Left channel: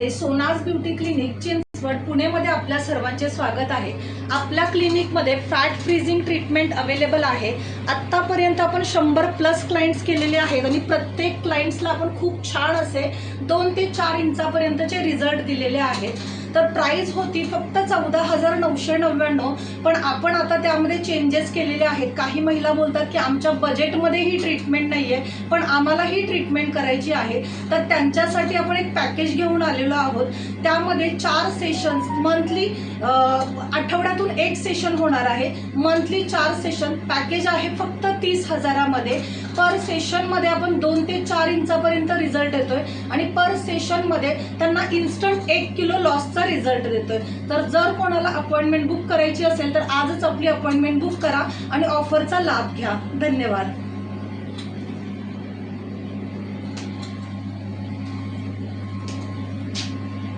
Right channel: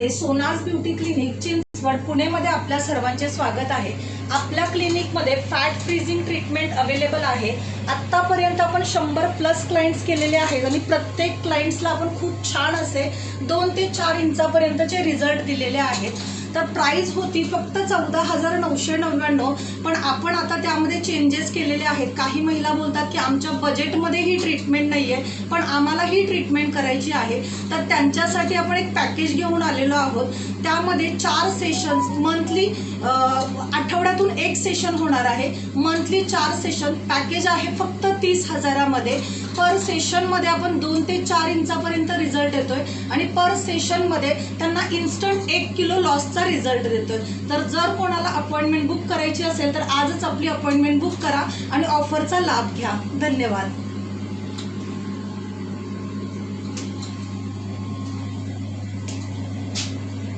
सोनाज beauty clinic Chinchwad पुणेमध्ये आपल्या सर्वांचे स्वागत आहे। आपल्या क्लिनिकमध्ये फॅट फ्रीजिंग ट्रीटमेंट अवेलेबल आहे। आतापर्यंत आपण 100+ क्लायंट्स केलेले आहेत आणि प्रत्येक क्लायंट्सला आपण खूप छान असे 2 ते 4 इंचापर्यंतचे रिझल्ट दिलेले आहेत। तर प्राइस होती फक्त 14,999, पण आपण आता त्यामध्ये चेंजेस केलेले आहेत। काही महिला बोलतात की आमच्या बजेटमध्ये ही ट्रीटमेंट नाहीये, पण आम्हाला ही ट्रीटमेंट करायची आहे, तर त्यांच्यासाठी आपण एक पॅकेज घेऊन आलेलो आहोत। त्यामध्ये 4 सेशन्स मंथली, आठवड्यातून एक सेशन होणार आहे। मंथली 4 सेशन पॅकेज आहे फक्त 30,000 मध्ये। पर सेशन मध्ये आपण 2 ते 4 इंचापर्यंत रिझल्ट येतोय आणि पर सेशन मध्ये त्यांना इन्स्टंट 1 किलो लॉसचा रिझल्ट देतोय। तर जर कोणाला अपॉइंटमेंट बुक करायची असेल तर आजच आपली अपॉइंटमेंट बुक करा आणि ऑफरचा लाभ घ्या। धन्यवाद।